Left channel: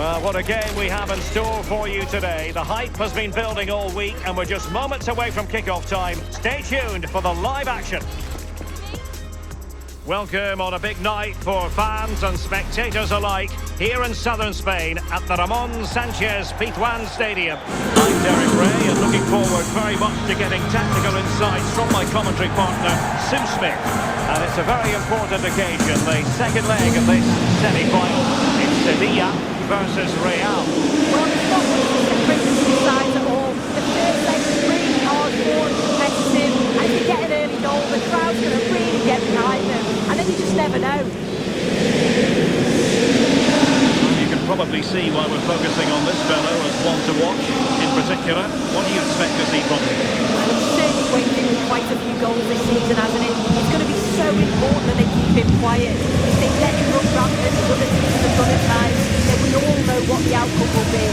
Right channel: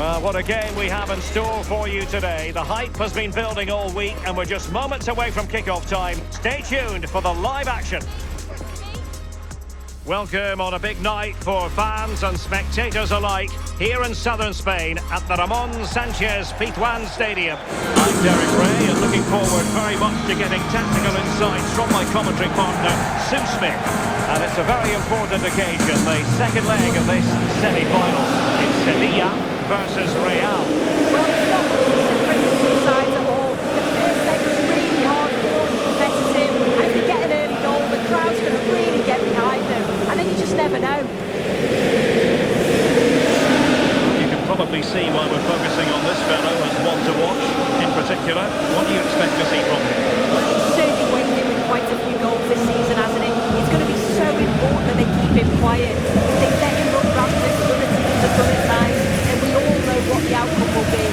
Well, what a game we have in store for you today. The hype has been building all week and we're just moments away from kick-off time. Stay tuned for the live action. Welcome on a big night for fans and spectators alike here in southern Spain at the Ramon Sanchez Pizjuan Stadium. I'm Derek Ray and looking forward very much to getting tactical insights from my commentary partner, Sue Smith. And it's a very important occasion, the second leg of this semi-final. It's Sevilla versus Real. Well, it's not much to separate the two sides at all. The first leg was really hard-fought and competitive, and if they get an early goal, the crowd's going to really get behind them, and then you just never know. You can probably see why we're focusing on this fellow as one to watch. In particular, what do you expect to see from him? Well, he's certainly weighed in with quite a few goals this season, hasn't he? It's going to be so important that they keep him quiet. If they let him run rampant as other teams have done at times, then we all know what the outcome will be.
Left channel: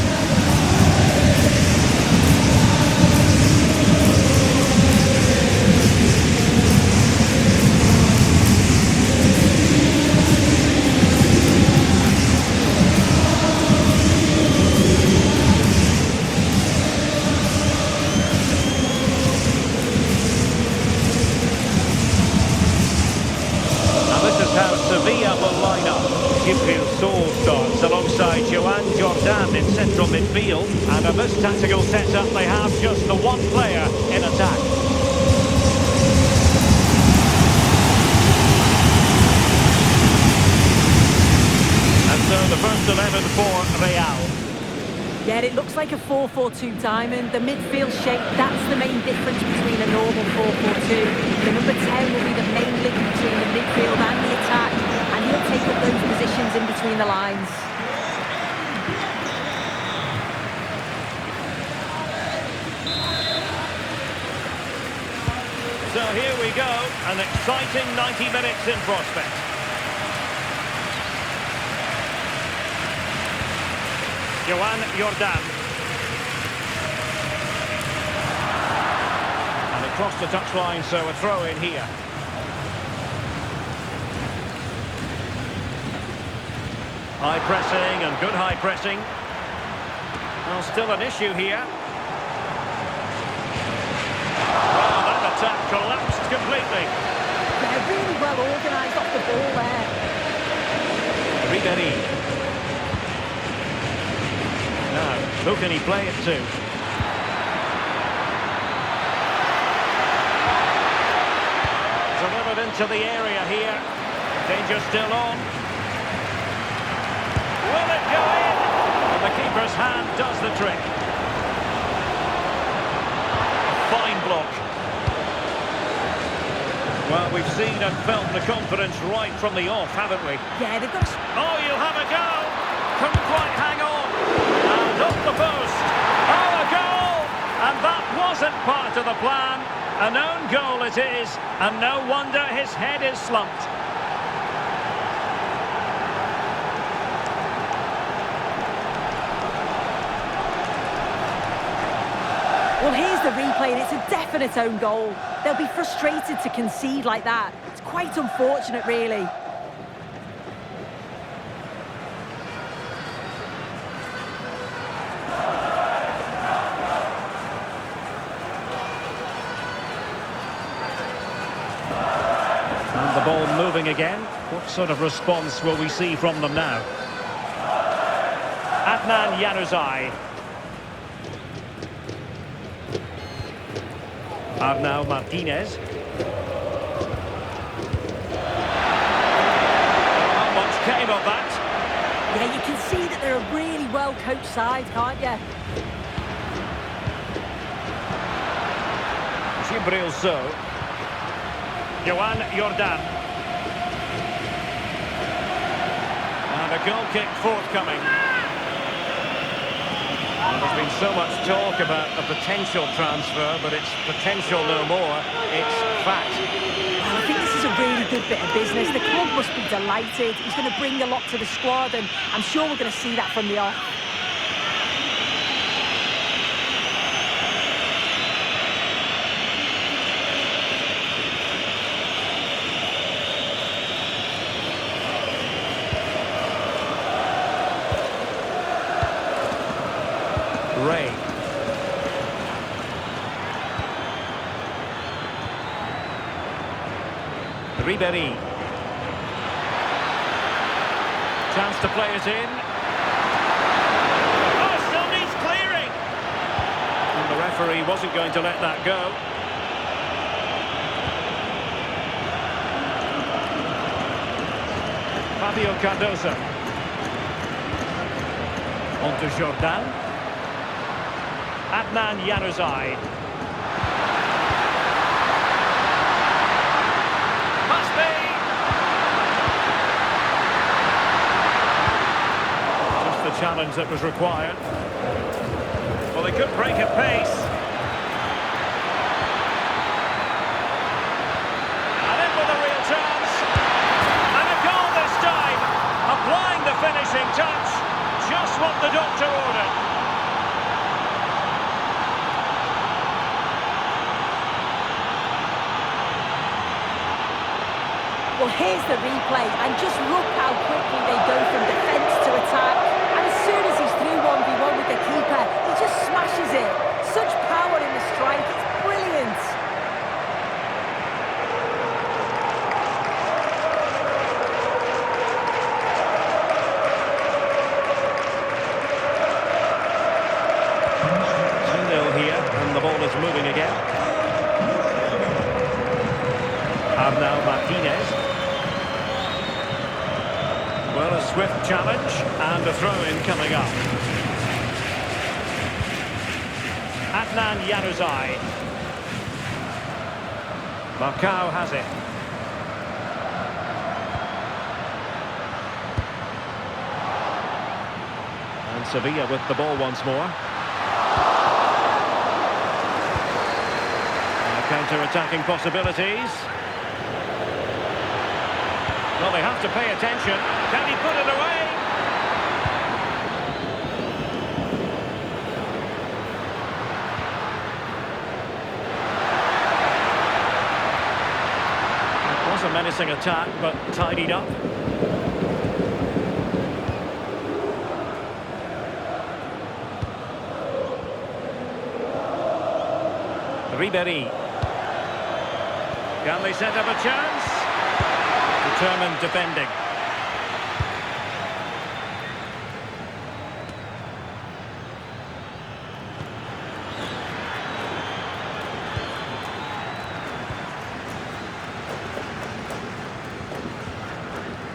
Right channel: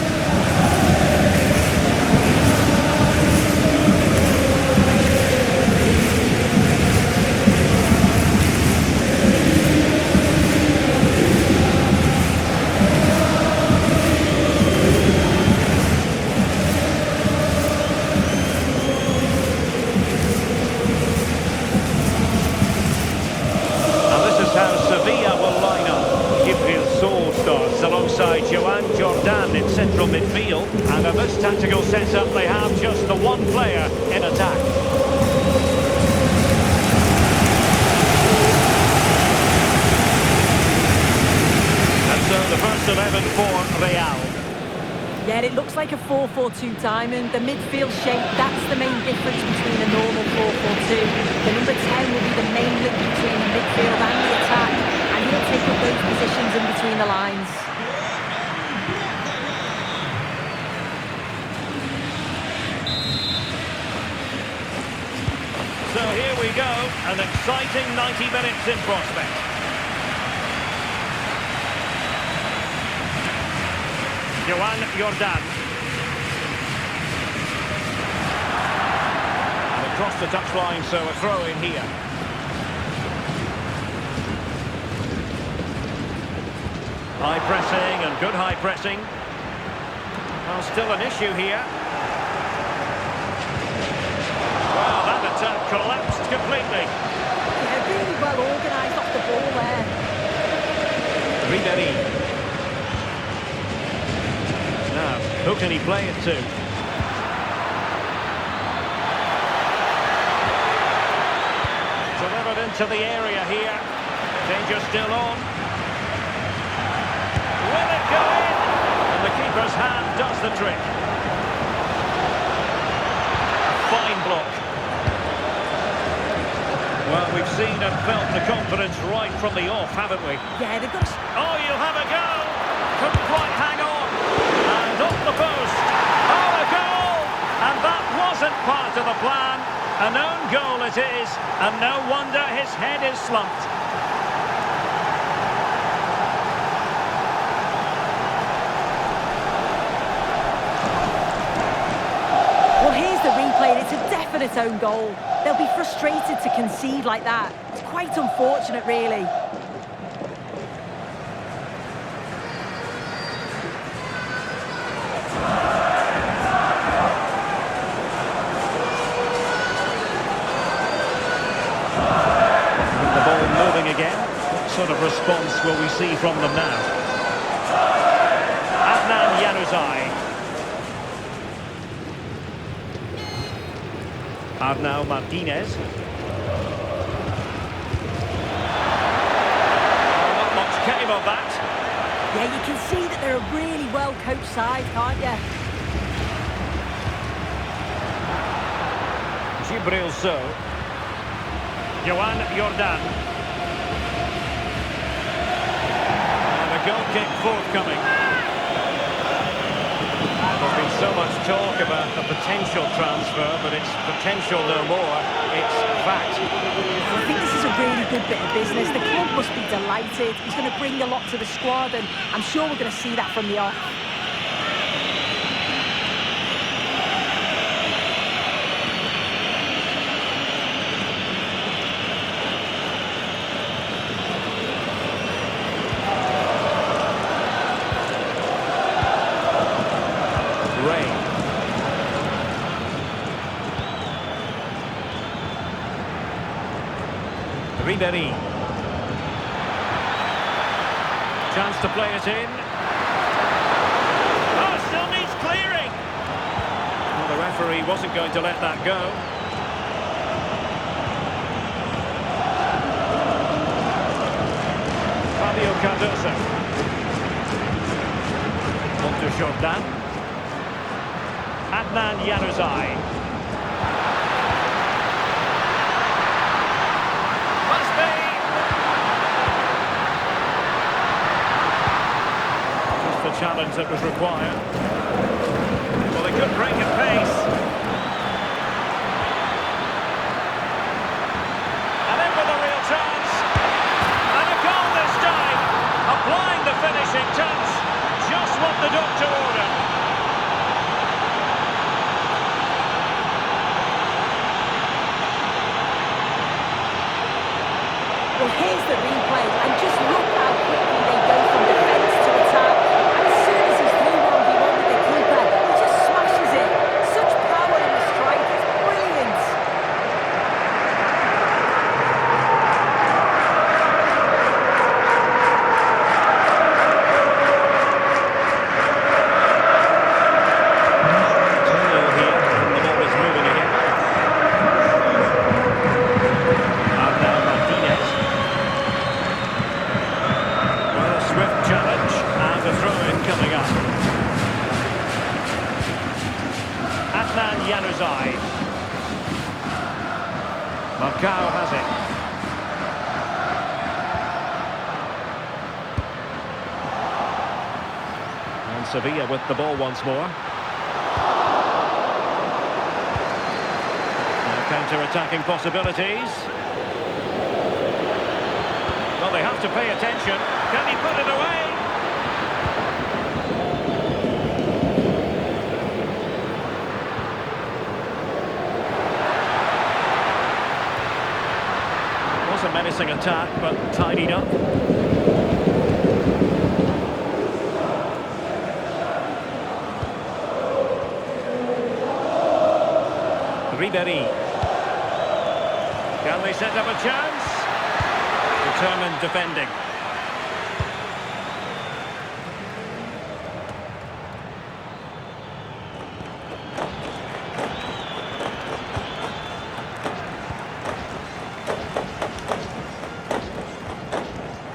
How Sevilla will line up. Gibril Sol starts alongside Joan Jordan in central midfield, and in this tactical setup they have just the one player in attack. And so the first 11 for Real. Yeah, it looks like a 4-4-2 diamond. The midfield shape, that's the main difference between a normal 4-4-2. The number 10 will be the main link between the midfield and the attack, and he'll take up those positions in between the lines. So here we go, an exciting 90 minutes in prospect. Joan Jordan. And across the touchline, so a throw in here. High pressing and good high pressing. Well, still an issue here. Well, that attack collapsed completely. Yeah, really well organised off the ball there. Ribéry. Now, who can he play it to? Delivered into the area here. Danger still on. Will it go in? And the keeper's hand does the trick. Fine block. Well, we've seen and felt the confidence right from the off, haven't we? Yeah, they've got to... Oh, you'll have a go! Couldn't quite hang on. And up the post. Oh, a goal! And that wasn't part of the plan. An own goal it is, and no wonder his head is slumped. Well, here's the replay, and it's a definite own goal. They'll be frustrated to concede like that. It's quite unfortunate, really. And the ball moving again. What sort of response will we see from them now? Adnan Januzaj. Arnau Martinez. Well, not much came of that. Yeah, you can see that they're a really well-coached side, can't you? Gibril So. Joan Jordan. And a goal kick forthcoming. Well, there's been so much talk about a potential transfer, but it's potential no more. It's fact. Well, I think this is a really good bit of business. The club must be delighted. He's going to bring a lot to the squad, and I'm sure we're going to see that from the off. Rey. Ribery. Chance to play it in. Oh, still needs clearing. Well, the referee wasn't going to let that go. Fabio Cardoso. On to Jordan. Adnan Januzaj. Must be. Just the challenge that was required. Well, they could break at pace. And in with a real chance. And a goal this time. Applying the finishing touch. Just what the doctor ordered. Well, here's the replay, and just look how quickly they go from defence to attack. And as soon as he's through 1v1 with the keeper, he just smashes it. Such power in the strike, it's brilliant. Here, and the ball is moving again. And now Martinez. Well, a swift challenge and a throw-in coming up. Adnan Januzaj. Marcao has it. And Sevilla with the ball once more. Counter-attacking possibilities. Well, they have to pay attention. Can he put it away? It was a menacing attack, but tidied up. Ribery. Can they set up a chance? Determined defending.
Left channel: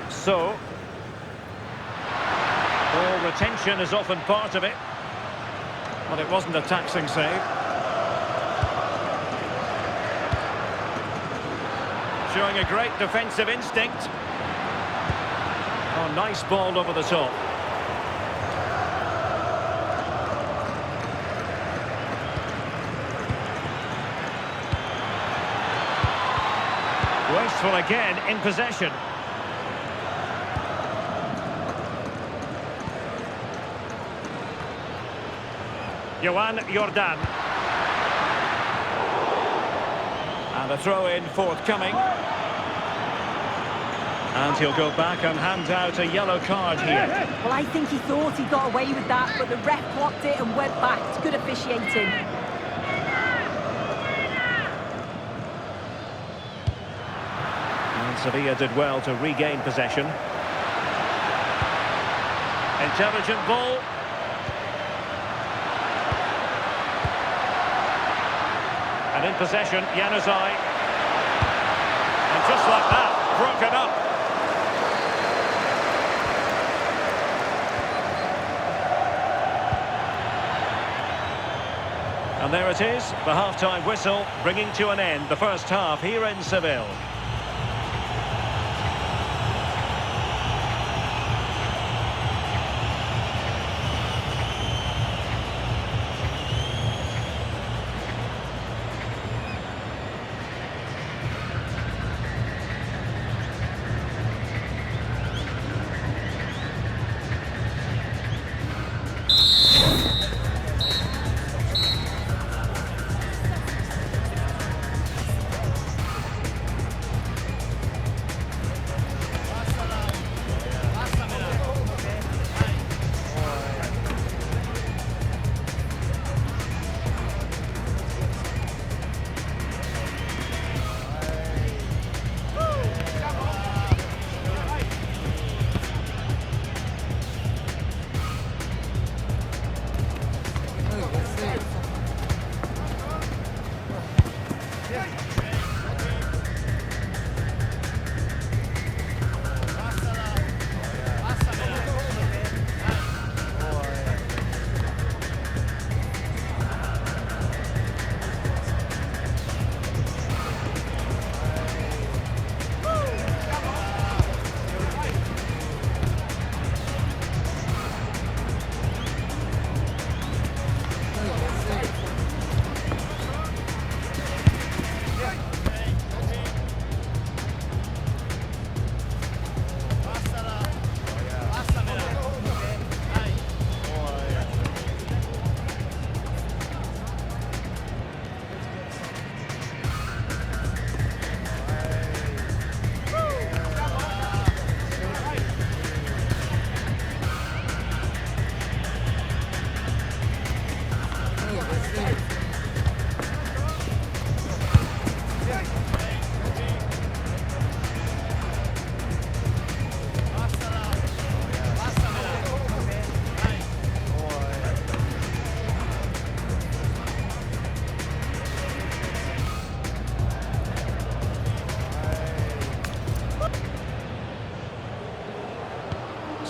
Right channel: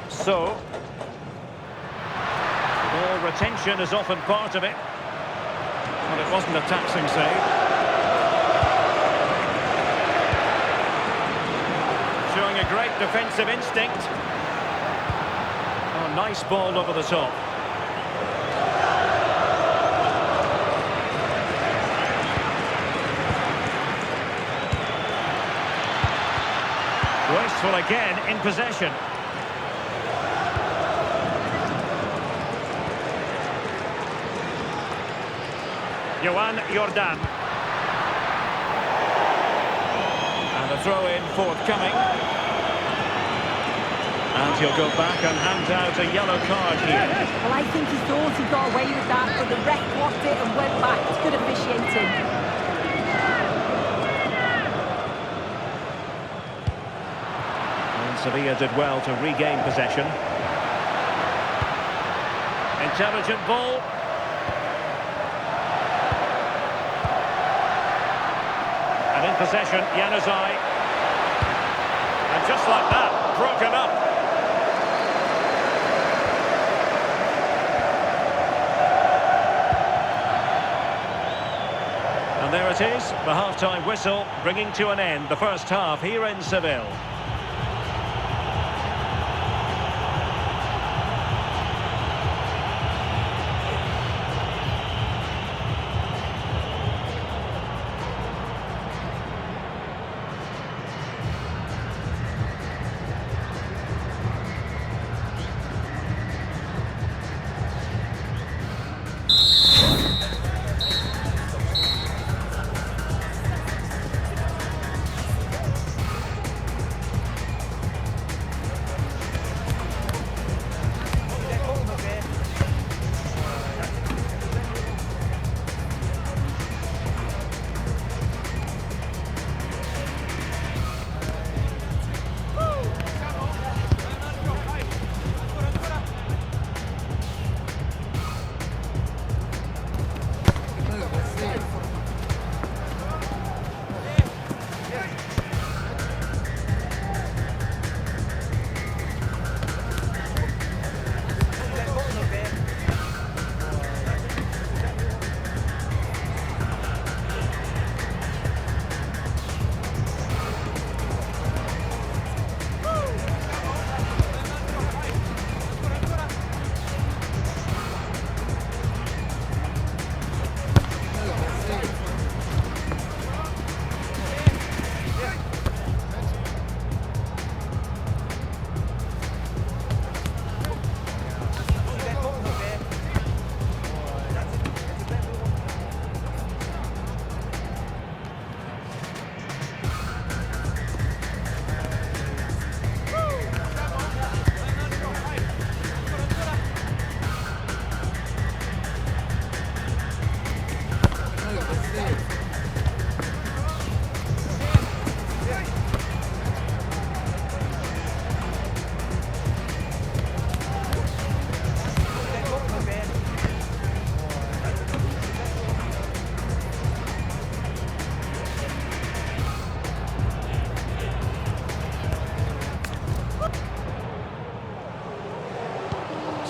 So, ball retention is often part of it. But it wasn't a taxing save. Showing a great defensive instinct. Oh, nice ball over the top. Wasteful again in possession. Johan Jordan. And a throw-in forthcoming. And he'll go back and hand out a yellow card here. Well, I think he thought he got away with that, but the ref blocked it and went back. It's good officiating. And Sevilla did well to regain possession. Intelligent ball. And in possession, Januzaj. And just like that, broken up. And there it is, the half-time whistle, bringing to an end the first half here in Seville.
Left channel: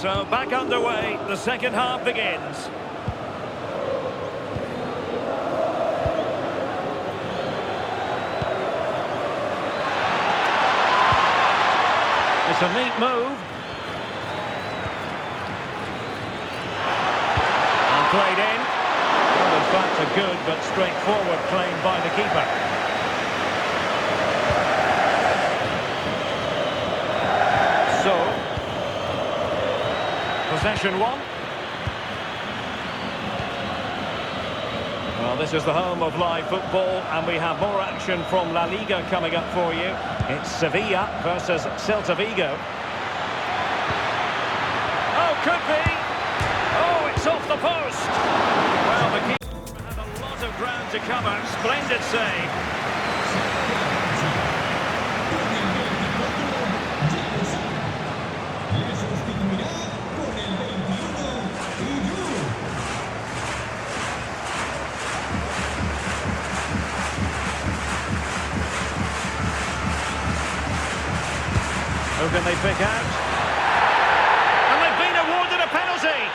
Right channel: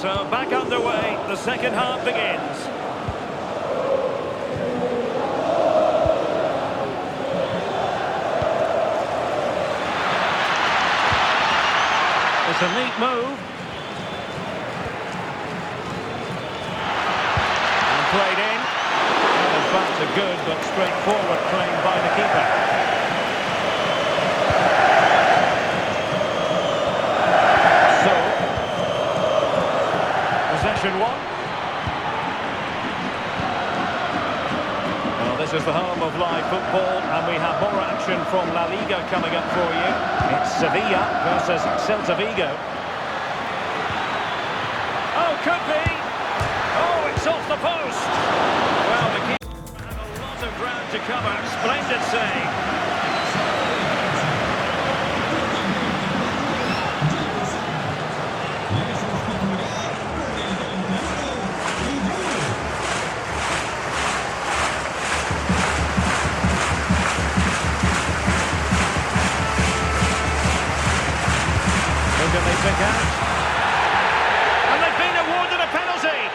So back underway, the second half begins. It's a neat move. And played in. Well, in fact, a good but straightforward claim by the keeper. So, possession one. Well, this is the home of live football, and we have more action from La Liga coming up for you. It's Sevilla versus Celta Vigo. Oh, could be. Oh, it's off the post. Well, the keeper had a lot of ground to cover. Splendid save. Who can they pick out? And they've been awarded a penalty!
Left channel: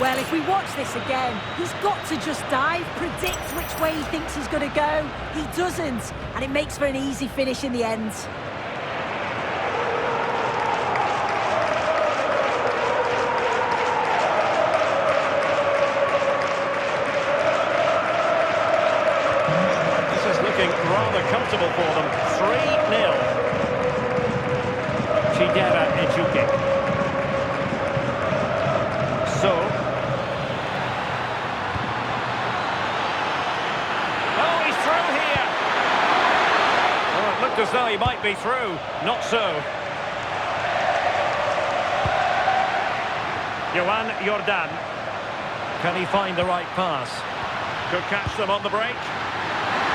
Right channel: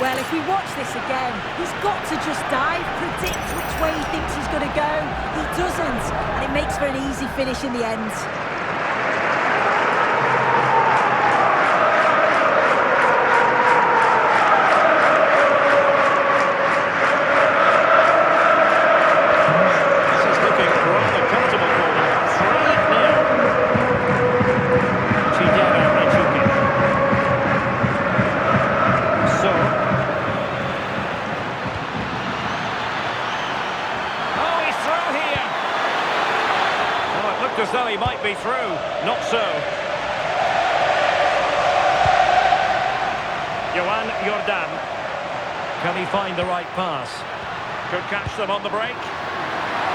Well, if we watch this again, he's got to just dive, predict which way he thinks he's going to go. He doesn't, and it makes for an easy finish in the end. This is looking rather comfortable for them. 3-0. Chidera Ejuke. So... through here. Oh, it looked as though he might be through. Not so. Johan Jordan. Can he find the right pass? Could catch them on the break.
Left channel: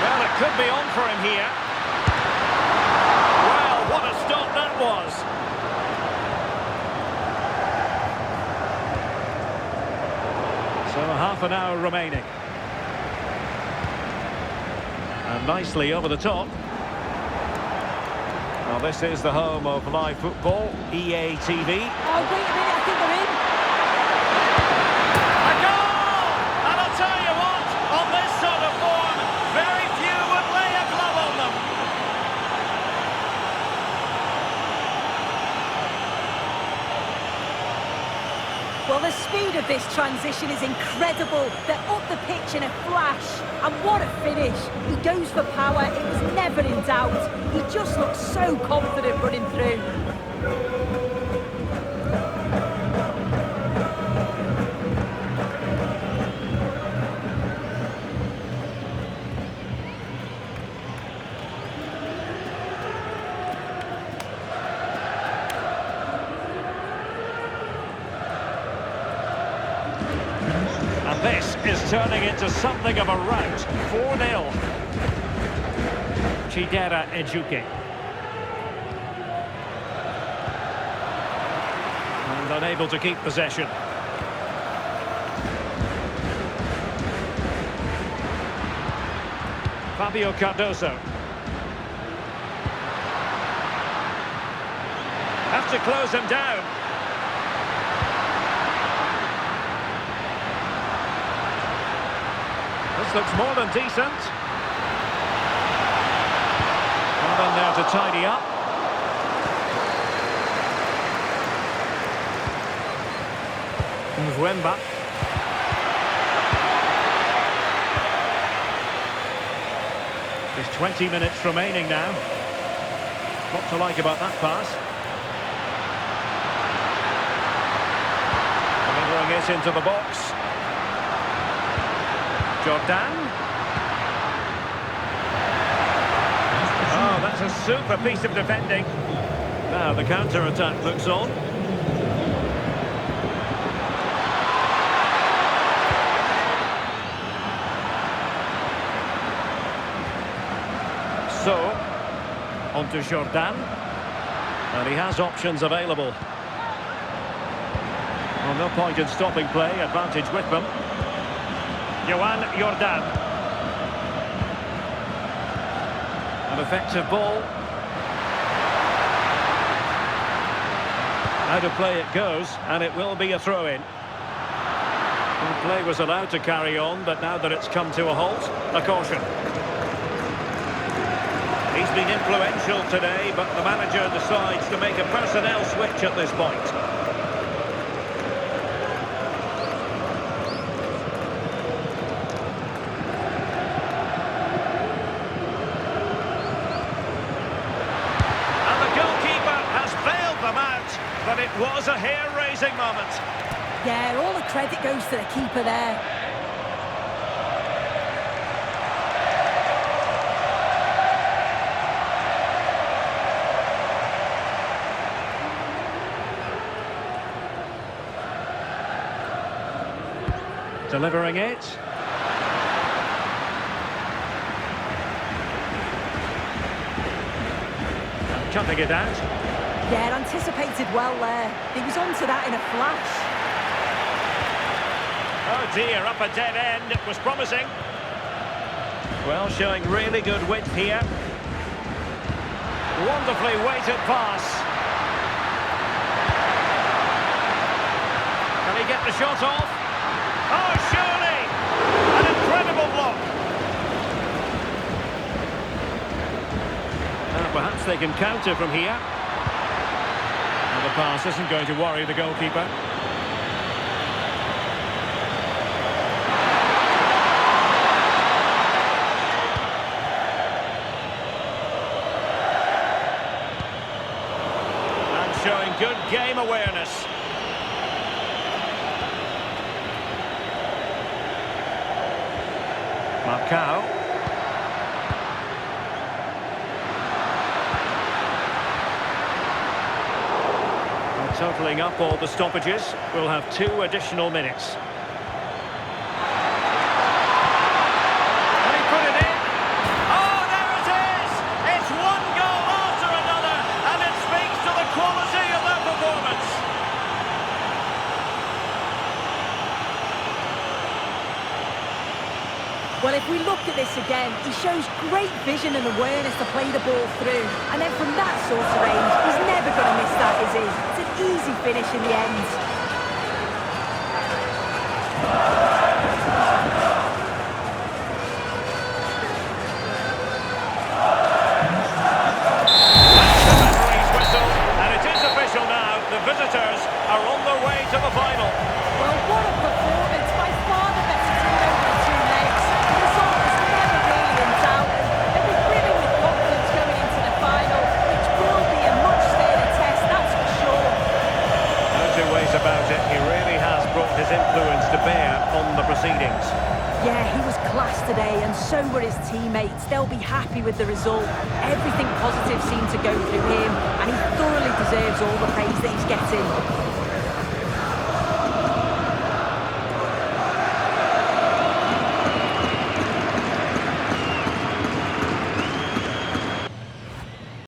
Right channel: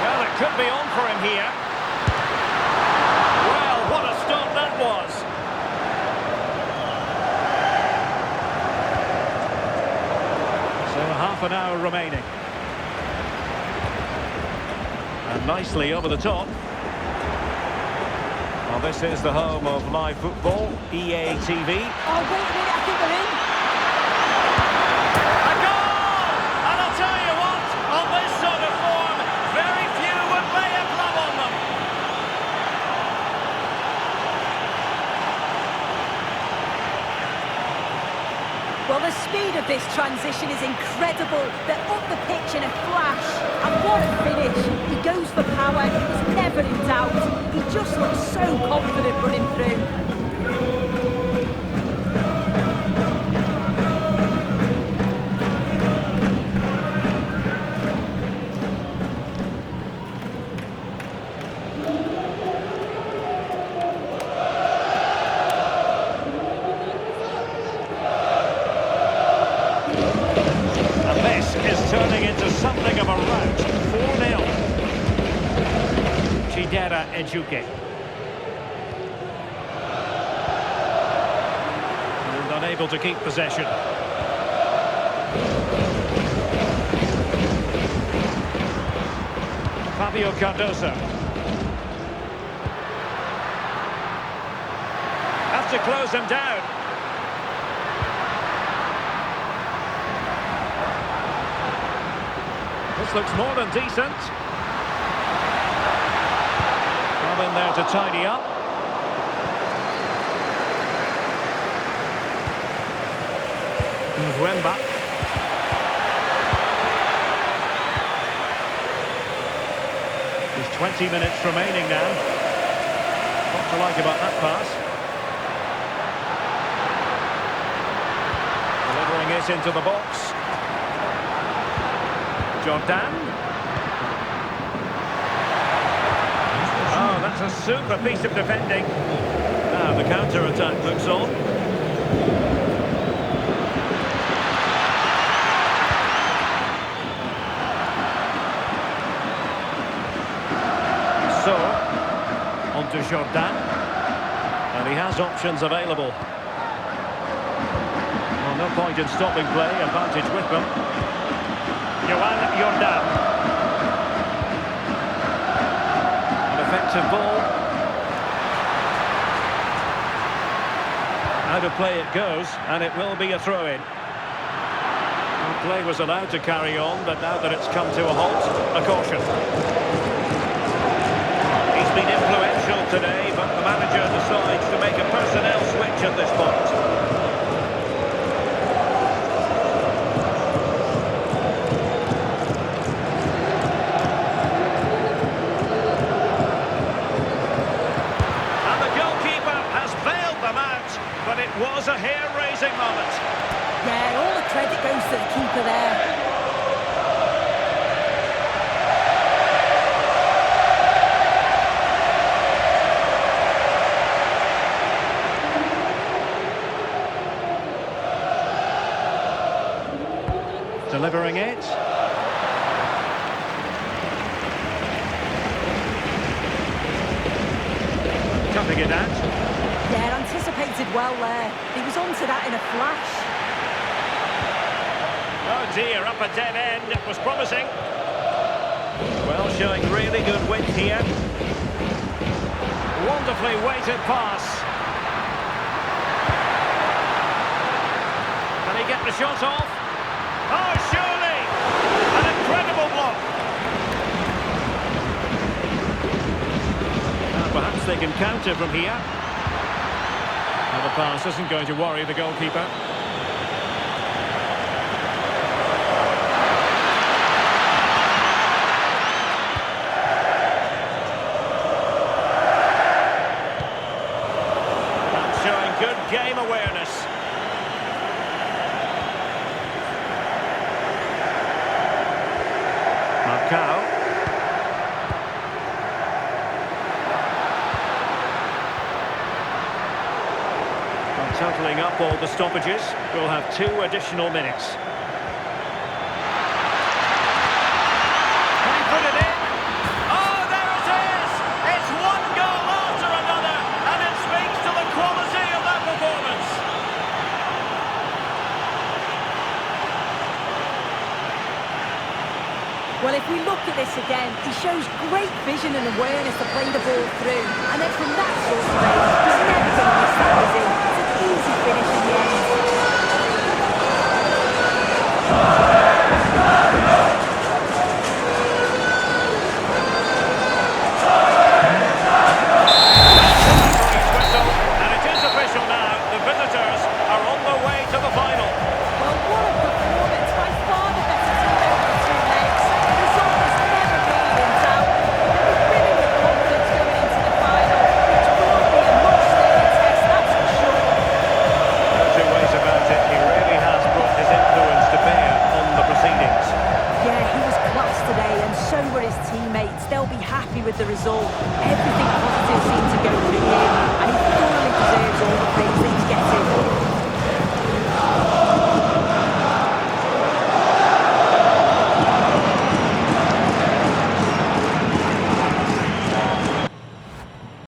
Well, it could be on for him here. Well, what a stop that was. So half an hour remaining. And nicely over the top. Well, this is the home of live football, EA TV. Oh, wait a minute, I think they're in. A goal! And I'll tell you what, on this sort of form, very few would lay a glove on them. Well, the speed of this transition is incredible. They're up the pitch in a flash. And what a finish. He goes for power. It was never in doubt. He just looks so confident running through. This is turning into something of a rout. 4-0. Chidera Ejuke. And unable to keep possession. Fabio Cardoso. Have to close him down. This looks more than decent. Well in there to tidy up. Mwemba. There's 20 minutes remaining now. What to like about that pass? Delivering it into the box. Jordan. Oh, that's a super piece of defending. Now the counter-attack looks on. So, onto Jordan. And he has options available. Well, no point in stopping play, advantage with them. Johan Jordan. An effective ball. Out of play it goes, and it will be a throw-in. Well, play was allowed to carry on, but now that it's come to a halt, a caution. He's been influential today, but the manager decides to make a personnel switch at this point. And the goalkeeper has bailed them out, but it was a hair-raising moment. Yeah, all the credit goes to the keeper there. Delivering it. And cutting it out. Yeah, anticipated well there. He was onto that in a flash. Oh dear, up a dead end. It was promising. Well, showing really good width here. Wonderfully weighted pass. Can he get the shot off? Oh, surely! An incredible block. Perhaps they can counter from here. Now the pass isn't going to worry the goalkeeper. And showing good game awareness. Marcao. Well, totalling up all the stoppages, we'll have 2 additional minutes. Can he put it in? Oh, there it is! It's one goal after another, and it speaks to the quality of that performance. Well, if we look at this again, he shows great vision and awareness to play the ball through. And then from that sort of range, he's never going to miss that, is he? It's an easy finish in the end. That's the referee's whistle, and it is official now. The visitors are on their way to the final. Well, what a performance. By far the better team over the 2 legs. The result was never really in doubt. They'll be brimming with confidence going into the final, which will be a much sterner test, that's for sure. No 2 ways about it. He really has brought his influence to bear on the proceedings. Yeah, he was class today, and so were his teammates. They'll be happy with the result. Everything positive seemed to go through him, and he thoroughly deserves all the praise that he's getting.